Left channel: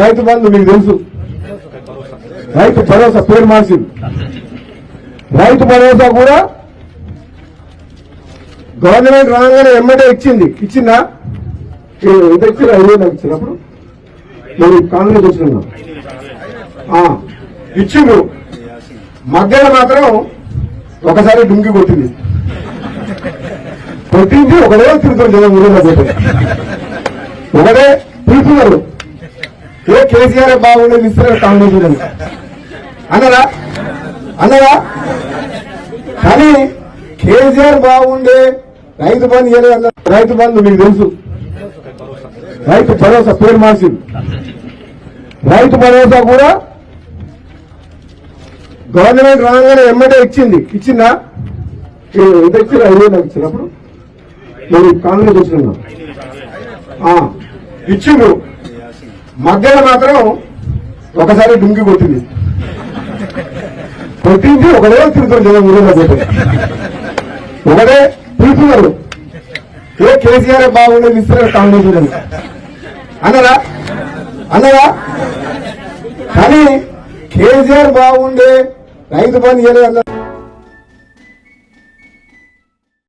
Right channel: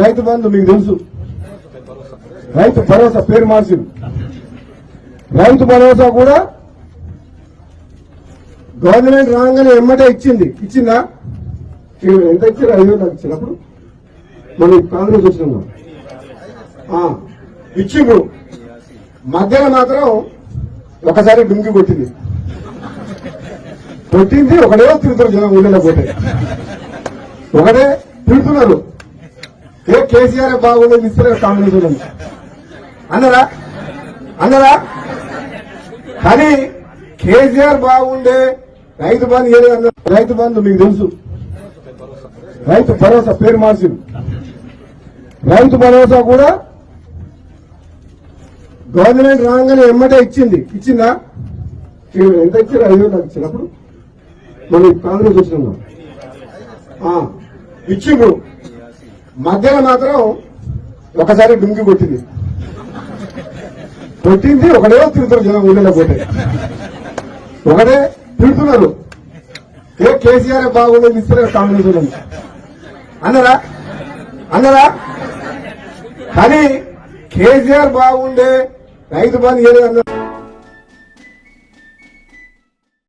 రైతు బంధు మీకు తెలుసు, రైతు భరోసా పేరు మార్చింది. రైతు భరోసా కూడా గవర్నమెంట్ రాగానే ఎమ్మటే ఇచ్చిందా? ఎంత ఇచ్చారు? 5,000 నాకు ఇచ్చినప్పుడు నేను కాంగ్రెస్ వచ్చిన ఇచ్చిండ్రు. మధ్యలో మాత్రం ఒకసారి డుంగి కొట్టింది ఒకడే తిరుగుతారు జనం ఊళ్ళో పోతే ఒకటే తిరుగుతున్నారు. కేసీఆర్ బాగుండేది ఇస్తారు కాంగ్రెస్ అన్నదా కానీ కేసీఆర్ బాగుండే రైతు బంధు ఇవ్వలేదు. రైతు బంధు మీకు తెలుసు, రైతు భరోసా పేరు మార్చింది. రైతు భరోసా కూడా గవర్నమెంట్ రాగానే ఎమ్మటే ఇచ్చిందా? ఎంత ఇచ్చారు? 5,000 నాకు ఇచ్చినప్పుడు నేను కాంగ్రెస్ వచ్చిన ఇచ్చిండ్రు. మధ్యలో మాత్రం ఒకసారి డుంగి కొట్టింది ఒకడే తిరుగుతారు జనం ఊళ్ళో పోతే ఒకటే తిరుగుతున్నారు. కేసీఆర్ బాగుండేది ఇస్తారు కాంగ్రెస్ అన్నదా కానీ కేసీఆర్ బాగుండే రైతు బంధు ఇవ్వలేదు.